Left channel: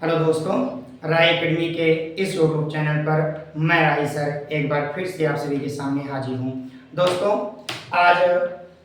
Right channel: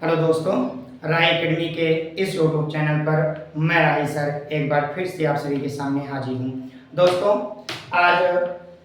Hello दोस्तों, राय academy के इस यूट्यूब चैनल पर मैं राही सर एक बार फिर से आप सभी के सामने हाजिर हूँ। दोस्तों, आज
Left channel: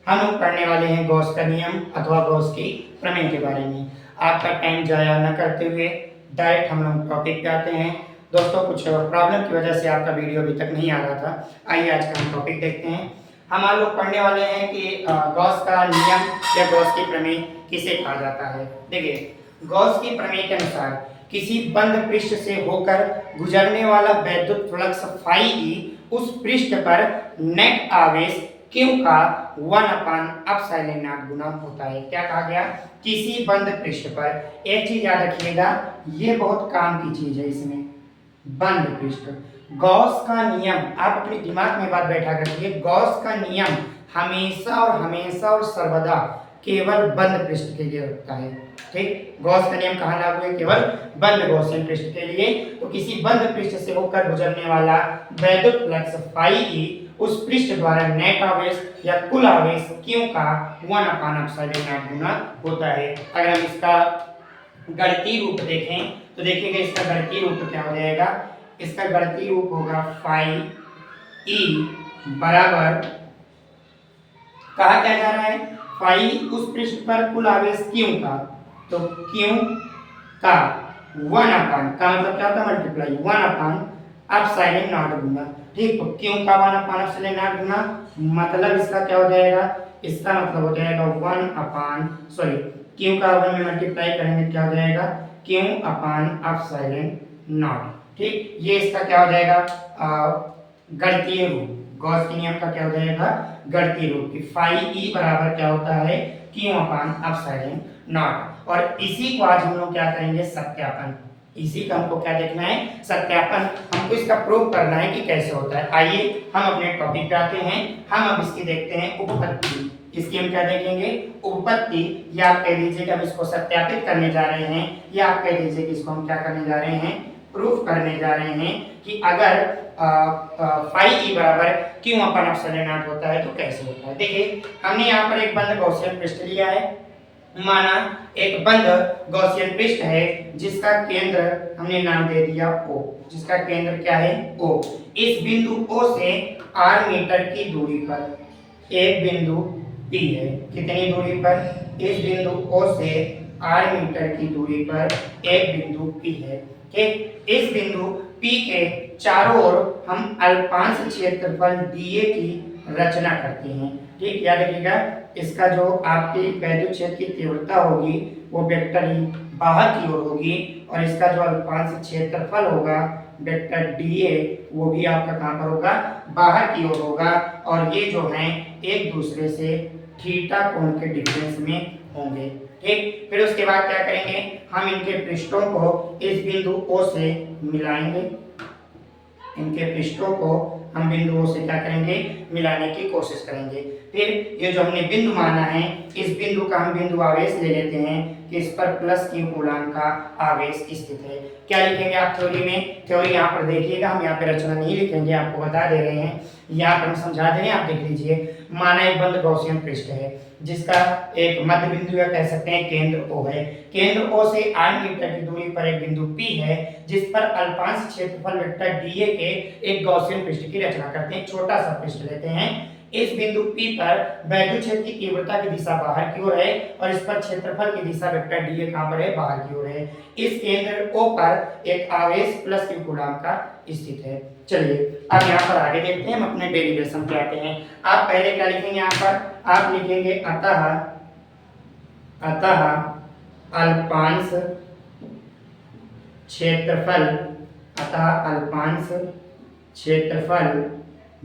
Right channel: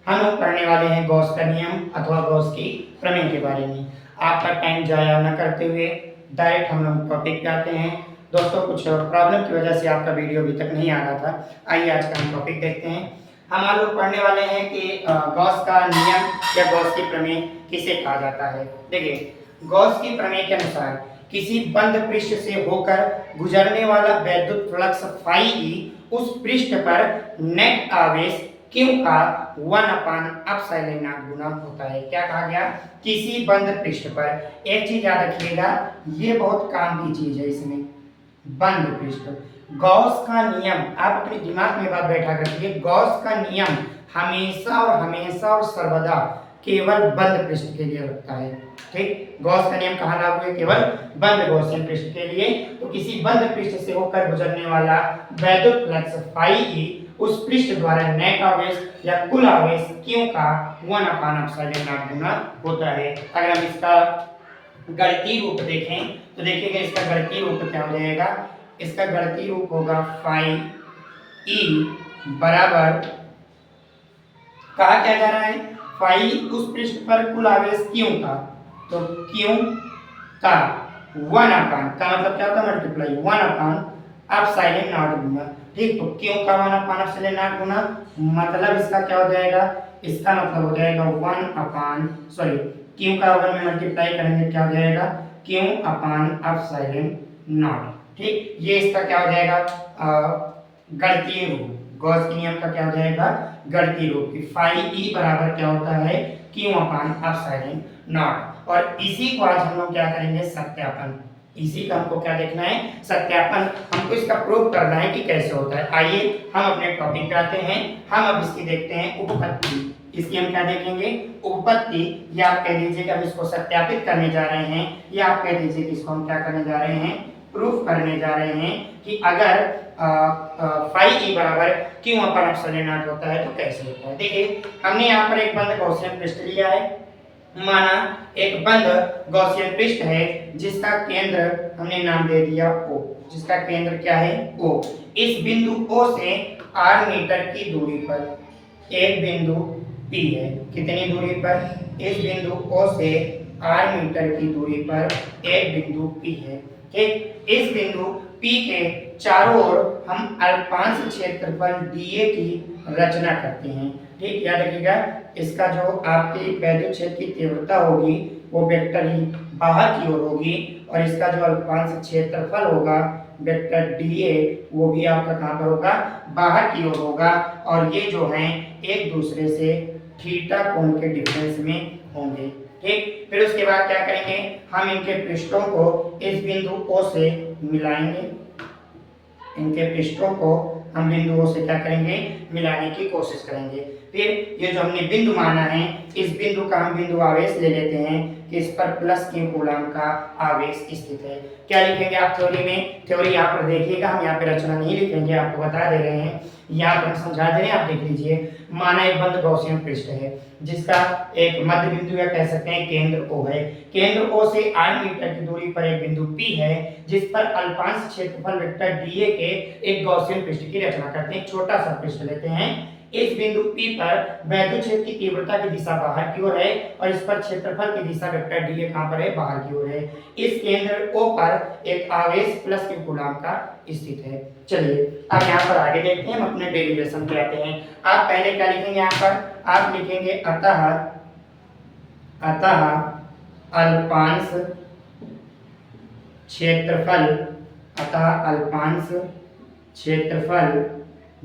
हम लोग पढ़ने वाले हैं गॉस का नियम अथवा गॉस की प्रमेय के बारे में। आपका टाइम जाया न करते हुए डायरेक्ट हम लोग टॉपिक पे आते हैं। दोस्तों, कुछ प्रॉब्लम की वजह से आपका वीडियो अभी तक नहीं आ रहा था। आइए आज का हम टॉपिक देखते हैं। हम लोग पढ़ने वाले हैं कि गॉस का नियम या गॉस की प्रमेय किसे कहा जाता है। देखिए, गॉस की प्रमेय के अनुसार किसी बंद पृष्ठ से होकर गुजरने वाला वैद्युत फ्लक्स फाई ई उस पृष्ठ पर नेट आवेश Q का 1/ε0 गुना होता है। क्या कहा गया? किसी बंद पृष्ठ पर, एक चीज याद रखिएगा, ये बहुत काम की चीज है। इसमें बंद पृष्ठ, गॉस का नियम, आप अपने दिमाग में बात बैठा कर रखिए। गॉस का नियम हमेशा और सर्वदा केवल बंद पृष्ठ के लिए लगता है। ठीक, गॉस का नियम कहाँ लागू है? केवल बंद गॉसियन पृष्ठ के लिए। तो किसी बंद पृष्ठ से होकर गुजरने वाला वैद्युत फ्लक्स फाई ई उस पृष्ठ द्वारा नेट आवेश या कुल आवेश Q का 1/ε0 गुना होता है। अगर हम इसका गणितीय रूप देखें तो देखिएगा, इसका गणितीय रूप क्या हो जाएगा? इसका गणितीय रूप होगा फाई ई बराबर, कहा क्या जा रहा है? फाई उस पृष्ठ पर कुल आवेश Q का, तो Q का 1/, का मतलब क्या होता है? मल्टीप्लाई 1/ε0 गुना। ठीक, तो Q का 1/ε0 गुना, मतलब इसका क्या हो जाएगा? इसका मतलब हो जाएगा Q का 1 में मल्टीप्लाई करेंगे क्या हो जाएगा? Q/ε0। ठीक, ये इसका क्या हो जाएगा? गणितीय रूप। गॉस के नियम का क्या हो जाएगा? गणितीय रूप। फाई ई बराबर क्या होता है? Q/ε0। और इसी को आज हम लोग क्या करेंगे? सत्यापन। इसी का हमको क्या देखना है? सत्यापन। हमको इसका प्रूव करना है कि कैसे होता है। आइए हम अपने टॉपिक पे आते हैं। हम अब इसकी देखते हैं उपपत्ति। इसकी हम क्या देखेंगे? उपपत्ति, या आप कह दीजिए कि हम इसको सत्यापित करने जा रहे हैं, या आप कह दीजिए कि इसको हम क्या करने जा रहे हैं? प्रूफ करने जा रहे हैं कि अगर फाई ई बराबर Q/ε0 होता है तो कैसे होता है। देखिए, हमने यहाँ पर एक बंद गॉसियन पृष्ठ लिया है। माना एक बंद गॉसियन पृष्ठ है जिसका केंद्र हमने नाम दे दिया O। जिसका केंद्र क्या है? O। इस बिंदु O से r मीटर की दूरी पर एक बिंदु P है। कितनी दूरी पर? इस बिंदु O से r मीटर की दूरी पर एक बिंदु P है। ठीक, इस बिंदु P के चारों ओर हम अल्पांश क्षेत्रफल dA की रचना करते हैं। ठीक, याद रखिएगा, इसका जो आपकी वैद्युत क्षेत्र की तीव्रता होगी वो वेक्टर ही बाहर की ओर होगी, और इसका जो अल्पांश क्षेत्रफल होगा वेक्टर dA वो भी आपका कहाँ पर होगा? बाहर की ओर होगा। और ये जो हैं एक दूसरे से थीटा कोण के डिफरेंस में होंगे। ठीक, फिर उसके बाद क्या करेंगे? हम इनके पृष्ठों को इस बिंदु O से मिलाएंगे। इनके पृष्ठों को हम बिंदुओं से क्या करेंगे? मिलाने की कोशिश करेंगे। फिर ये जो हमने बिंदु माना है, इस बिंदु का हम बिंदु आवेश ले लेते हैं कि इस पर प्लस Q कूलाम का आवेश स्थित है। क्या लिखेंगे आप थ्योरी में? थ्योरी यहाँ पर देखिएगा, हम यहाँ पे रचना नहीं लिखेंगे, आपको बता दे रहे हैं, यहाँ पर हम समझा दे रहे हैं, आप देख लीजिए। माना एक बंद गॉसियन पृष्ठ है जिसका एक मध्य बिंदु या कह सकते हैं केंद्र O है। केंद्र O से r मीटर की दूरी पर एक बिंदु P है जिस पर अल्पांश क्षेत्रफल वेक्टर dA के एक गॉसियन पृष्ठ की रचना करते हैं। छोटा सा पृष्ठ लेते हैं। इस बिंदु P पर वैद्युत क्षेत्र की तीव्रता की दिशा बाहर की ओर है और इस पर क्षेत्रफल की दिशा वेक्टर dA कहाँ पर है? बाहर की ओर है। इस केंद्र O पर एक आवेश प्लस Q कूलाम का स्थित है। चलिए अब यहाँ पर आगे देखते हैं, हम अपने डेरिवेशन पे आते हैं। आप पहले क्या लिखेंगे? यहाँ पर आप लिखेंगे अतः अल्पांश क्षेत्रफल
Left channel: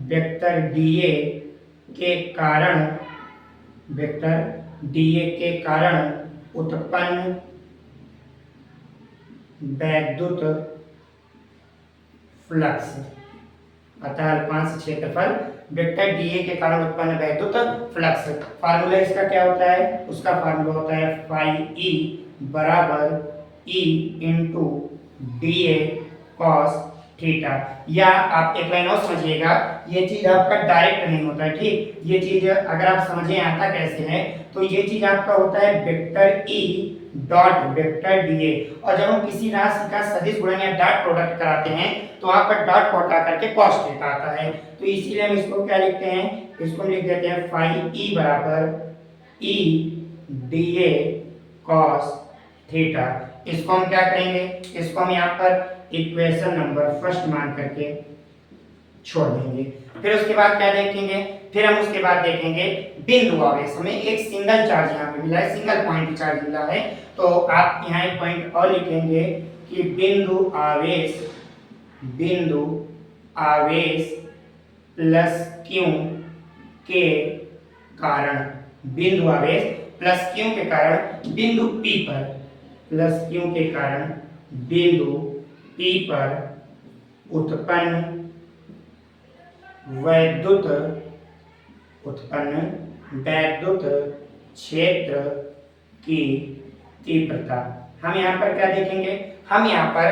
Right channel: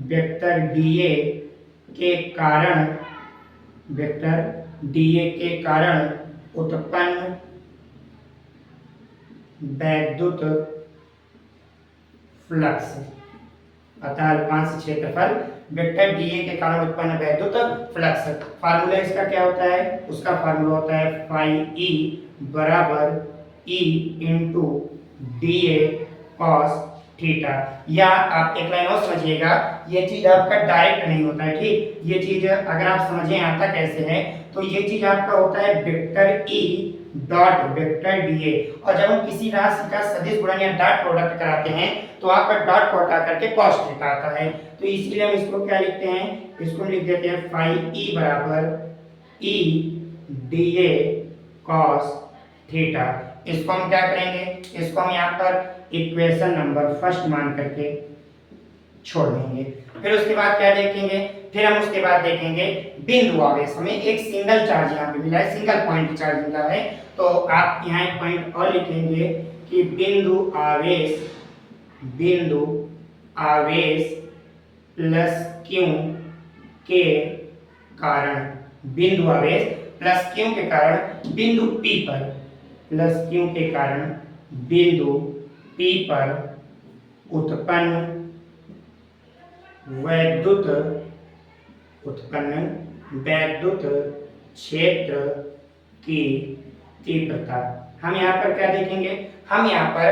वेक्टर dA के कारण उत्पन्न वैद्युत फ्लक्स। अतः अल्पांश क्षेत्रफल वेक्टर dA के कारण उत्पन्न वैद्युत फ्लक्स। फार्मूला इसका क्या होता है? उसका फार्मूला होता है फाई ई बराबर E into dA cos theta. या आप एक लाइन और समझिएगा, ये चीज आपका डायरेक्ट नहीं होता है। ठीक, ये चीज अगर आप समझे आता कैसे है, तो ये चीज आपका होता है vector E dot vector DA. और जब हम किसी राशि का सदिश गुणन या डॉट प्रोडक्ट कराते हैं तो वहां पर डॉट को हटा करके कॉस थीटा आता है। तो इसीलिए हम इसको क्या लिखते हैं, इसको लिख देते हैं फाई ई बराबर ई डीए कॉस थीटा। इसको हम क्या करेंगे, इसको हम यहाँ पर इक्वेशन नंबर फर्स्ट मान करके छोड़ देंगे। फिर उसके बाद क्या देखेंगे, फिर हम उसके बाद देखेंगे बिंदु आवेश। हमें एक सिंगल चार्ज यहाँ पे मिला है, सिंगल पॉइंट चार्ज मिला है, तो आप यहाँ एक पॉइंट और लिखेंगे कि बिंदु आवेश प्लस क्यू के कारण, बिंदु आवेश प्लस क्यू के कारण बिंदु P पर, प्लस क्यू के कारण बिंदु P पर उत्पन्न वैद्युत क्षेत्र की तीव्रता। हम यहाँ पर क्या देखेंगे, हम यहाँ पर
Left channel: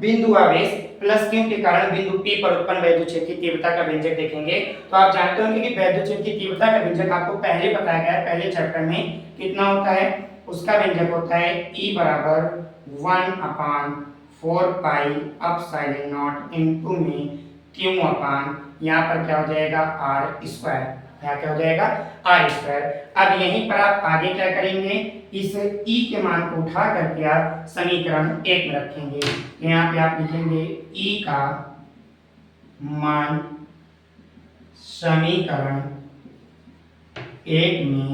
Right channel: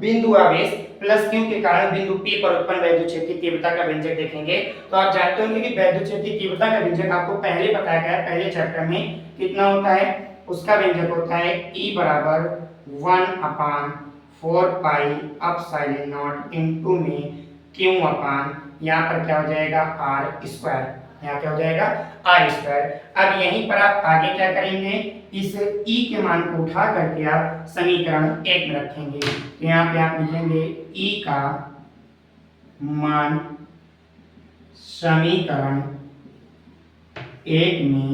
बिंदु आवेश प्लस क्यू के कारण बिंदु P पर उत्पन्न वैद्युत क्षेत्र की तीव्रता का व्यंजक देखेंगे। तो आप जानते होंगे कि वैद्युत क्षेत्र की तीव्रता का व्यंजक आपको पहले बताया गया है, पहले चैप्टर में कितना होता है, उसका व्यंजक होता है E बराबर 1/4 पाई एप्सिलॉन नॉट इनटू में Q अपान, यहाँ पर क्या हो जाएगा R स्क्वायर, यहाँ क्या हो जाएगा R स्क्वायर। अब यहीं पर आप आगे क्या करेंगे, इस E के मान को उठा करके आप समीकरण 1 में रखेंगे। तो यहाँ पे आप लिखेंगे E का मान समीकरण 1 में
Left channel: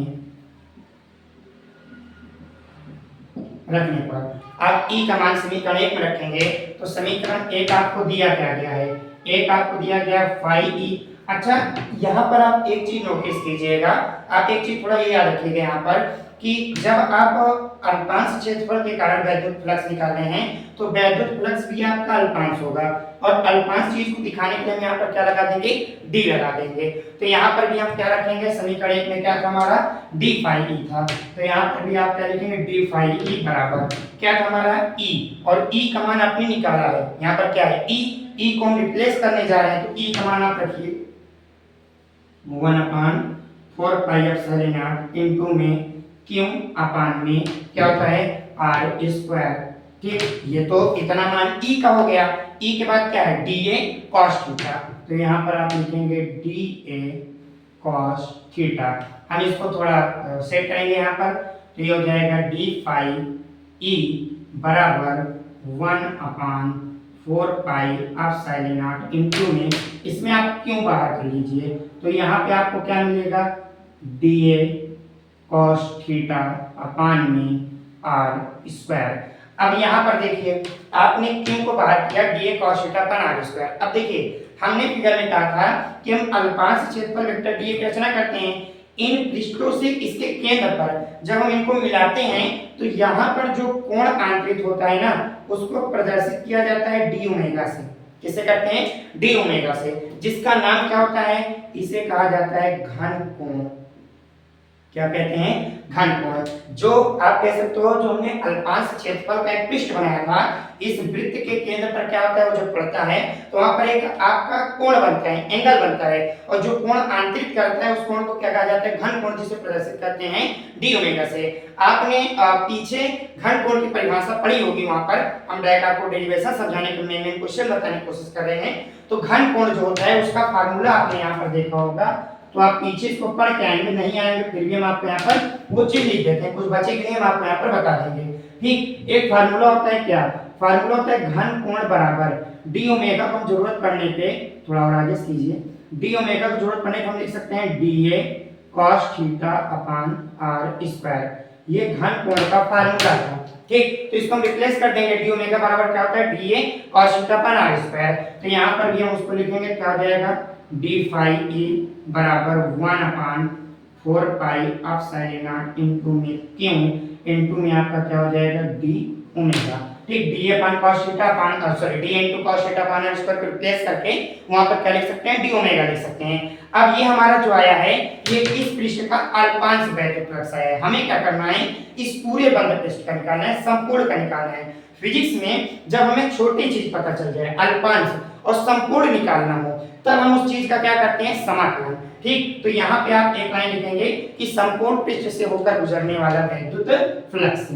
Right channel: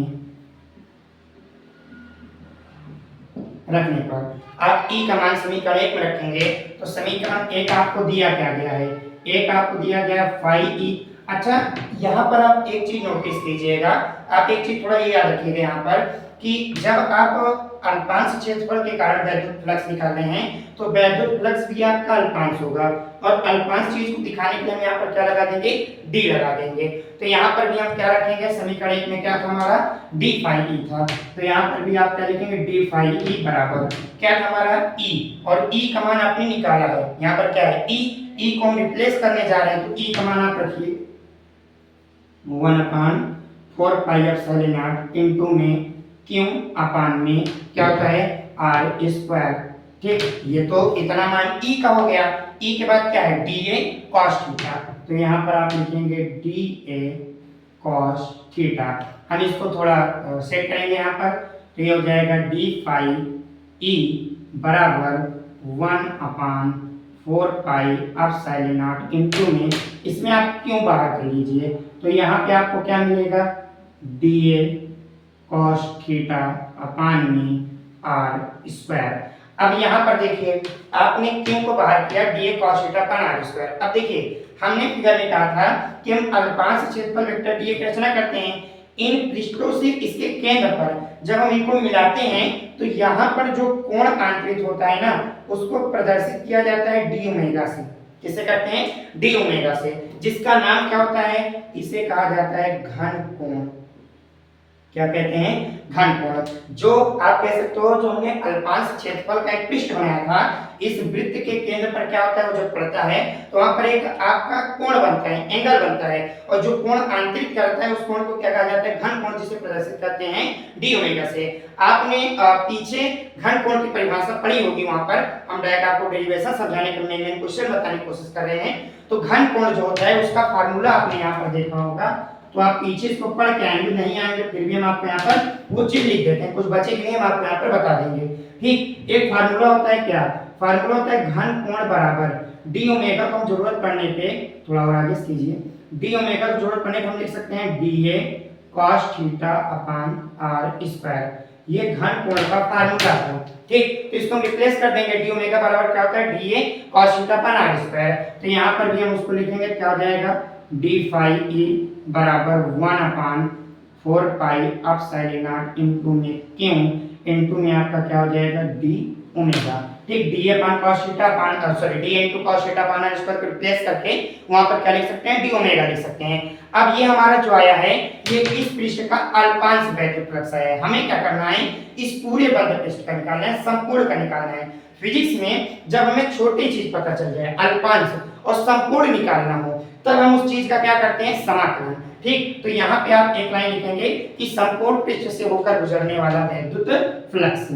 रखने पर, आप E का मान समीकरण 1 में रखेंगे तो समीकरण 1 आपको दिया क्या गया है, एक आपको दिया गया फाई ई। अच्छा, यहाँ पर आप एक चीज नोटिस कीजिएगा, आप एक चीज थोड़ा ये याद रखिएगा यहाँ पर कि जब आप अल्पांश क्षेत्रफल के कारण वैद्युत फ्लक्स निकाल रहे हैं तो वैद्युत फ्लक्स भी आपका अल्पांश होगा, और अल्पांश चीज को दिखाने के लिए हम यहाँ पर क्या लगा देंगे, डी लगा देंगे। तो यहाँ पर भी हम क्या रखेंगे, समीकरण 1 में क्या था हमारा, डी फाई ई था, तो यहाँ पर भी आप क्या लिखेंगे, डी फाई ई बराबर क्या था हमारा ई, और ई का मान आपने निकाला है, यहाँ पर क्या है ई को हम रिप्लेस करने जा रहे हैं, तो ई का मान आप रखिए 1/4 पाई एप्सिलॉन नॉट इनटू में क्यू अपान में क्या होता है R स्क्वायर। ठीक, ये तो इतना मान ई का हो गया। ई के बाद क्या है, डीए कॉस थीटा, तो यहाँ पर आप लिखेंगे डीए कॉस थीटा। हम इसको थोड़ा सेट करेंगे यहाँ पर, तो ये हो जाएगा डी फाई ई बराबर 1/4 पाई एप्सिलॉन नॉट इनटू में, इसमें आप क्यों बाहर कर लीजिए, तो यहाँ पे आपको क्या मिलेगा, डीए कॉस थीटा अपान में आर स्क्वायर। अब यहाँ पर देखिए आपने क्यों को बाहर किया, dA cos theta upon r square. अब देखिए हमने फिगर में कहा था कि हम अल्पांश क्षेत्रफल वेक्टर डीए की रचना करते हैं इन पृष्ठों से इसके केंद्र पर, जब हम इनको मिलाते हैं तो यहाँ पर जो कोण आंतरिक होता है ना, उसको प्रदर्शित किया जाता है डी ओमेगा से। किसे करते हैं, डी ओमेगा से, जिसका नाम क्या होता है, इसे कहा जाता है घन कोण। क्या कहते हैं, घन कोण। जो आप कह सकते हो, जो हमने अल्पांश क्षेत्रफल का एक पृष्ठ बनाया था, इस वृत्त के केंद्र पर क्या होता है, वो जब पड़ता है तो वहां पर एक आपका कोण बनता है, एंगल बनता है, और जो कोण आंतरिक करता है उस कोण को क्या कहा जाता है, घन कोण, जिसे प्रदर्शित करते हैं डी ओमेगा से। आपने पीछे घन कोण की परिभाषा पढ़ी होगी, वहां पर हम डायरेक्ट आपको डेरिवेशन समझाने के लिए क्वेश्चन बताने की कोशिश कर रहे हैं। तो घन कोण जो होता है उसका फार्मूला आपने यहाँ पर देखा होगा, तो आप पीछे इसको पढ़ के आएंगे, नहीं आएंगे फिर भी हम आपको यहाँ पर वो चीज लिख देते हैं, कुछ बचे के लिए हम आपको यहाँ पर बता देंगे। ठीक, एक फार्मूला होता है, क्या फार्मूला होता है, घन कोण बराबर डी ओमेगा को हम जरूरत पड़ने पे, थोड़ा और आगे कीजिए, डी ओमेगा को जरूरत पड़ने पे हम लिख सकते हैं dA cos theta upon r square. ये घन कोण का फार्मूला था। ठीक, तो इसको हम रिप्लेस कर देंगे, डी ओमेगा बराबर क्या होता है, dA cos theta upon r square. तो यहाँ पर भी हम उसको लिखेंगे, क्या हो जाएगा, डी फाई ई बराबर 1/4 पाई एप्सिलॉन नॉट इनटू में क्यू इनटू में आपका क्या हो जाएगा, डी ओमेगा। ठीक, डी अपान cos theta upon sorry D into cos theta upon r square को रिप्लेस करके वहां पर क्या लिख सकते हैं, डी ओमेगा लिख सकते हैं। अब ये हमारा जो आया है, ये इस पृष्ठ का अल्पांश वैद्युत फ्लक्स आया है। हमें क्या करना है, इस पूरे बंद पृष्ठ का निकालना है, संपूर्ण का निकालना है। फिजिक्स में जब हमें छोटी चीज पता चल जाए, अल्पांश और संपूर्ण निकालना हो, तब हम उस चीज का क्या करते हैं, समाकलन। ठीक, तो यहाँ पे आप एक लाइन लिखेंगे कि संपूर्ण पृष्ठ से होकर गुजरने वाला वैद्युत फ्लक्स।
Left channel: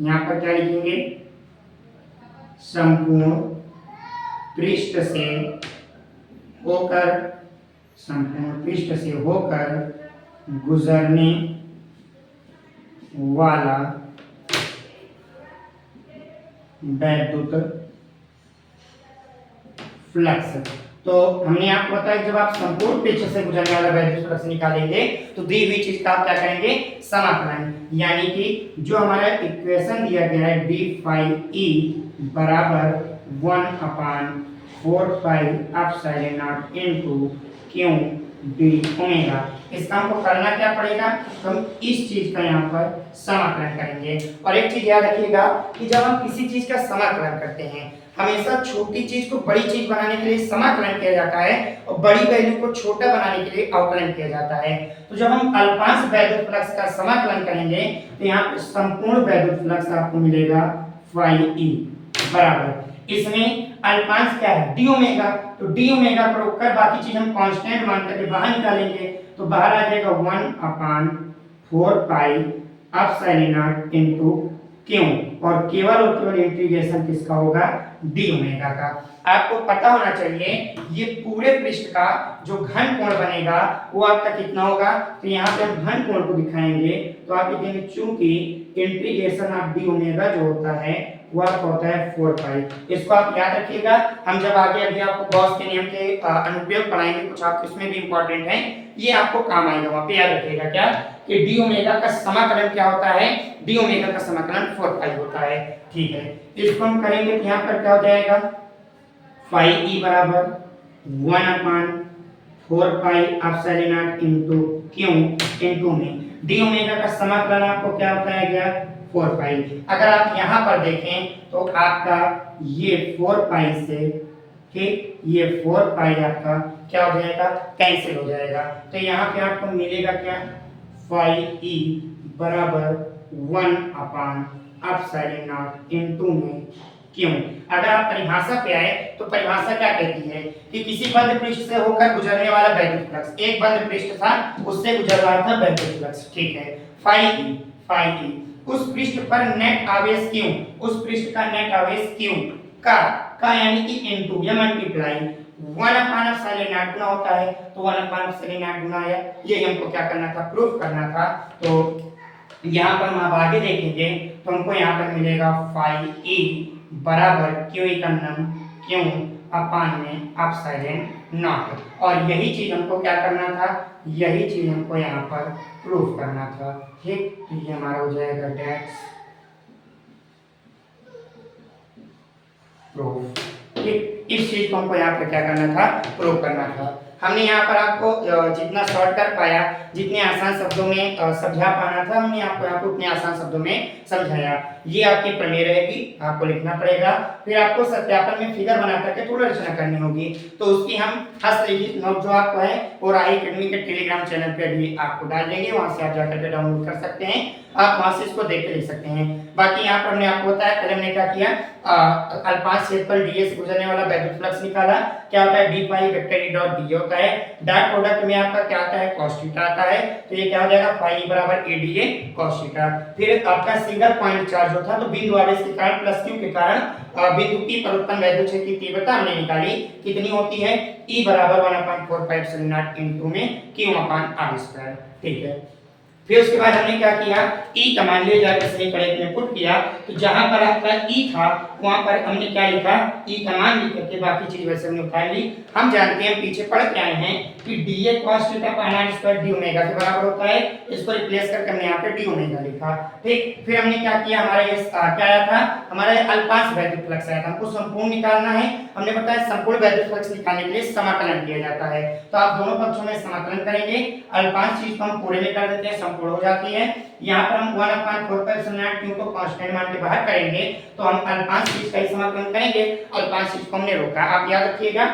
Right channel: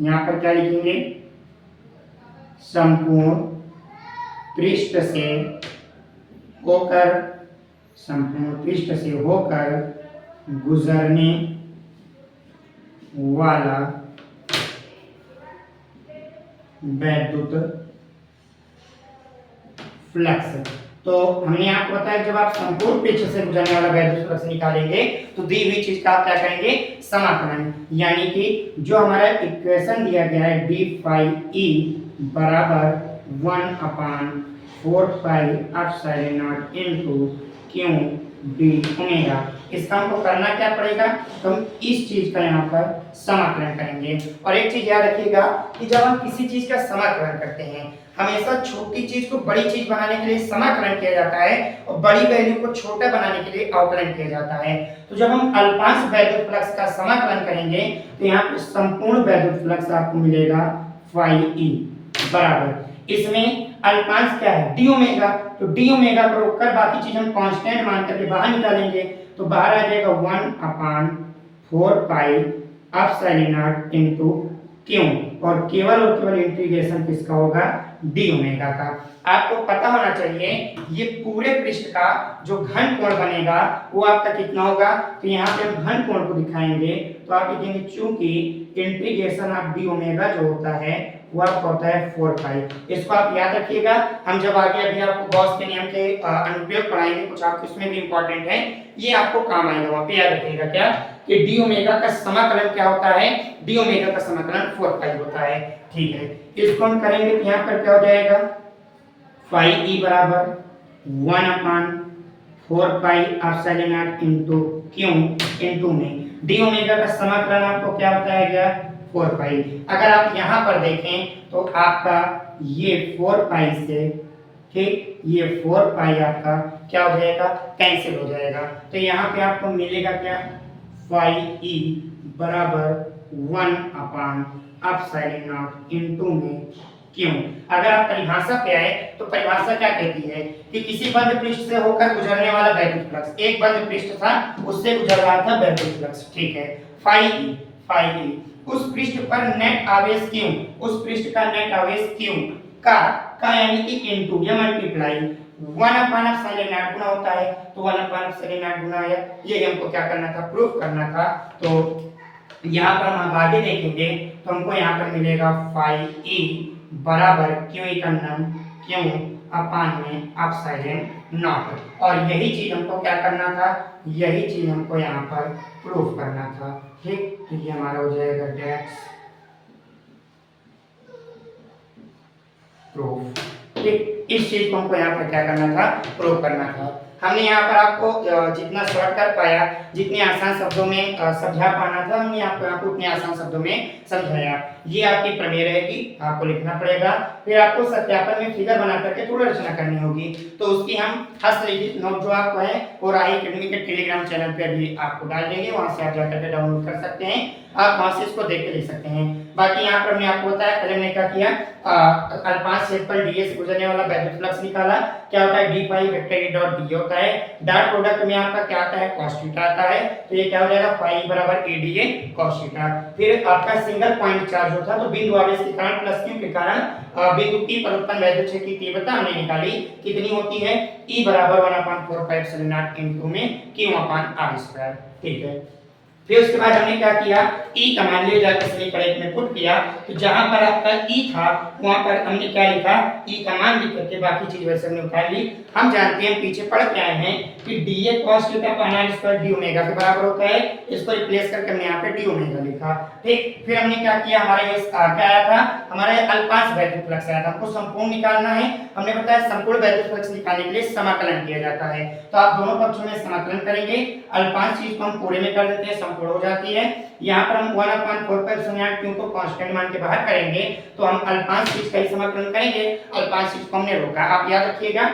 यहाँ पर क्या लिखेंगे, संपूर्ण पृष्ठ से होकर, संपूर्ण पृष्ठ से होकर गुजरने वाला वैद्युत फ्लक्स। तो हमने आपको बताया जब आप संपूर्ण पृष्ठ से गुजरने वाला वैद्युत फ्लक्स निकालेंगे तो दी हुई चीज का आप क्या करेंगे, समाकलन, यानी कि जो हमारा इक्वेशन दिया गया है डी फाई ई बराबर 1/4 pi epsilon not into Q D omega, इसका हमको करना क्या पड़ेगा, तो हम इस चीज का यहाँ पर समाकलन करेंगे। और एक चीज याद रखिएगा कि जब हम किसी चीज का समाकलन करते हैं, हमेशा छोटी चीज को बड़ी चीज बनाने के लिए समाकलन किया जाता है और बड़ी वैल्यू को छोटा बनाने के लिए अवकलन किया जाता है। तो जब हम अल्पांश वैद्युत फ्लक्स का समाकलन करेंगे तो यहाँ पे संपूर्ण वैद्युत फ्लक्स आपको मिलेगा फाई ई बराबर, इसमें अल्पांश क्या है, डी ओमेगा, तो डी ओमेगा को रोककर बाकी चीज हम कांस्टेंट मान करके बाहर निकालेंगे तो बाहर आ जाएगा 1/4 पाई एप्सिलॉन नॉट इनटू क्यों, और केवल इंटीग्रेशन किसका होगा, डी ओमेगा का। आपको पता होना चाहिए ये पूरे पृष्ठ का जो घन कोण बनेगा वो आपका कितना होगा, तो यहाँ पे हम घन कोण को दिखाएंगे तो आप लिखेंगे चूंकि इंटीग्रेशन ऑफ डी ओमेगा जो होता है वो आपका होता है 4 पाई। इसको आप याद रखिएगा, हम जब आगे अभी आपको गॉस के नियम के अनुप्रयोग पढ़ाएंगे, कुछ आपको इसमें भी इंपॉर्टेंट है, ये आपको काम आएगा, वहां पे याद रखिएगा क्या कि डी ओमेगा का समाकलन क्या होता है, डी ओमेगा का समाकलन 4 पाई होता है। ठीक है, इसको हम करेंगे तो यहाँ पर क्या हो जाएगा, फाई ई बराबर 1/4 pi epsilon not into Q into में डी ओमेगा का समाकलन आपको क्या बताया गया, 4 पाई। अगर आप यहाँ पर देखें तो आपका ये 4 पाई से, ठीक, ये 4 पाई आपका क्या हो जाएगा, कैंसिल हो जाएगा, तो यहाँ पे आपको मिलेगा क्या, फाई ई बराबर 1/एप्सिलॉन नॉट इनटू में क्यों। अगर आप परिभाषा पे आए तो परिभाषा क्या कहती है कि किसी बंद पृष्ठ से होकर गुजरने वाला वैद्युत फ्लक्स, एक बंद पृष्ठ था उससे गुजर रहा था वैद्युत फ्लक्स, ठीक है, फाई ई उस पृष्ठ पर नेट आवेश क्यों, उस पृष्ठ का नेट आवेश क्यों का यानी कि इनटू या मल्टीप्लाई 1/एप्सिलॉन नॉट गुना होता है, तो 1/एप्सिलॉन नॉट गुना आया, ये हमको क्या करना था, प्रूफ करना था। तो यहाँ पर हम आगे देखेंगे तो हमको यहाँ पर मिलेगा फाई ई बराबर क्यू का नम क्यू अपान में एप्सिलॉन नॉट, और यही चीज हमको क्या करना था, यही चीज हमको यहाँ पर प्रूफ करना था, ठीक, तो ये हमारा हो जाएगा डेट्स प्रूफ, ठीक, इस चीज को हमको यहाँ पर क्या करना था, प्रूफ करना था। हमने यहाँ पर आपको जितना शॉर्ट कर पाया, जितने आसान शब्दों में समझा पाना था, हमने आपको उतने आसान शब्दों में समझाया। ये आपकी प्रमेय रहेगी, आपको लिखना पड़ेगा, फिर आपको सत्यापन में फिगर बना करके थोड़ी रचना करनी होगी, तो उसकी हम हस्तलिखित नोट जो आपको है वो राही एकेडमी के टेलीग्राम चैनल पर भी आपको डाल देंगे, वहां से आप जाकर के डाउनलोड कर सकते हैं, आप वहां से इसको देख के लिख सकते हैं। बाकी यहाँ पर हमने आपको बताया पहले हमने क्या किया, अल्पांश क्षेत्रफल डीए से गुजरने वाला वैद्युत फ्लक्स निकाला, क्या होता है d phi vector E dot d होता है, डॉट प्रोडक्ट में आपका क्या आता है, cos थीटा आता है, तो ये क्या हो जाएगा फाई बराबर A D A cos theta. फिर आपका सिंगल पॉइंट चार्ज होता तो बिंदु आवेश के कारण प्लस क्यू के कारण बिंदु P पर उत्पन्न वैद्युत क्षेत्र की तीव्रता हमने निकाली, कितनी होती है, E बराबर 1/4 पाई एप्सिलॉन नॉट इनटू में Q/r², ठीक है। फिर उसके बाद हमने क्या किया, E का मान ले जाकर समीकरण में पुट किया, तो जहां पर आपका E था वहां पर हमने क्या लिखा, E का मान लिख करके बाकी चीज वैसे हमने उतार ली। हम जानते हैं पीछे पढ़ के आए हैं कि dA cos theta upon r² d omega के बराबर होता है, इसको रिप्लेस करके हमने यहाँ पे d ओमेगा लिखा, ठीक। फिर हमने क्या किया, हमारा ये क्या आया था, हमारा अल्पांश वैद्युत फ्लक्स आया था, हमको संपूर्ण निकालना है, हमने बताया संपूर्ण वैद्युत फ्लक्स निकालने के लिए समाकलन किया जाता है, तो आप दोनों पक्षों में समाकलन करेंगे, अल्पांश चीज को हम पूरे में कर देते हैं, संपूर्ण हो जाती है, यहाँ पर हम 1/4 पाई एप्सिलॉन नॉट क्यू को कांस्टेंट मान के बाहर करेंगे, तो हम अल्पांश चीज का ही समाकलन करेंगे, अल्पांश चीज को हमने रोका, आप याद रखिएगा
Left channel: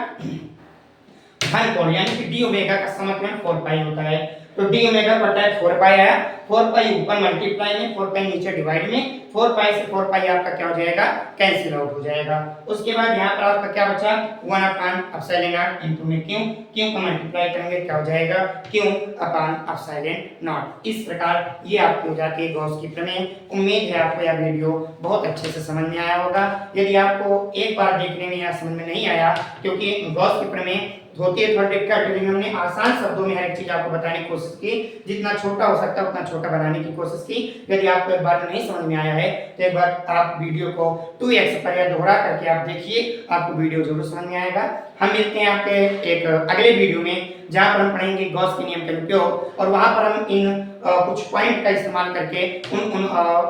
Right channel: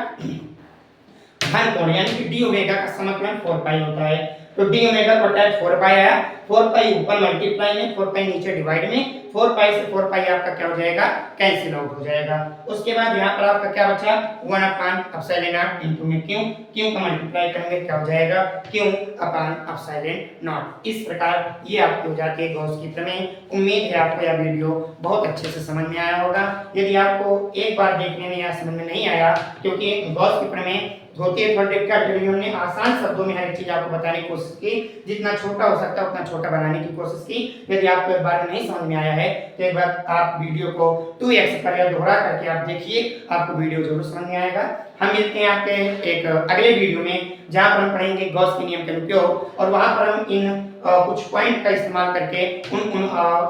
घन कोण यानी कि डी ओमेगा का समाकलन 4 पाई होता है, तो डी ओमेगा बटा 4 पाई आया, 4 पाई ऊपर मल्टीप्लाई में 4 पाई नीचे डिवाइड में, 4 पाई से 4 पाई आपका क्या हो जाएगा, कैंसिल आउट हो जाएगा। उसके बाद यहाँ पर आपका क्या बचा, 1 अपान एप्सिलॉन नॉट इनटू में क्यों का मल्टीप्लाई करेंगे क्या हो जाएगा, क्यों अपान एप्सिलॉन नॉट। इस प्रकार ये आपकी हो जाती है गॉस की प्रमेय। उम्मीद है आपको यह वीडियो बहुत अच्छे से समझ में आया होगा। यदि आपको एक बार देखने में या समझ में नहीं आया, क्योंकि गॉस की प्रमेय होती है थोड़ा डिफिकल्ट, लेकिन हमने आसान शब्दों में हर एक चीज आपको बताने की कोशिश की, जितना छोटा हो सकता है उतना छोटा बनाने की कोशिश की। यदि आपको एक बार में नहीं समझ में आया है तो एक बार आप वीडियो को 2x पर या दोहरा करके आप देखिए, आपको वीडियो जरूर समझ में आएगा। हम मिलते हैं आपके एक अगले वीडियो में, जहां पर हम पढ़ेंगे गॉस के नियम का उपयोग, और वहां पर हम इन कुछ पॉइंट का इस्तेमाल करके उन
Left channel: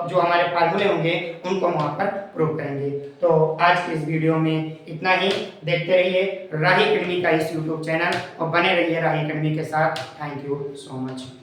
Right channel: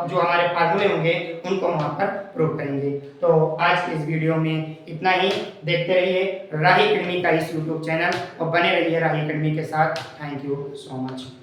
जो हमारे फार्मूले होंगे उनको वहां पर प्रूव करेंगे। तो आज के इस वीडियो में इतना ही। देखते रहिए राही एकेडमी का इस यूट्यूब चैनल और बने रहिए राही एकेडमी के साथ। Thank you so much.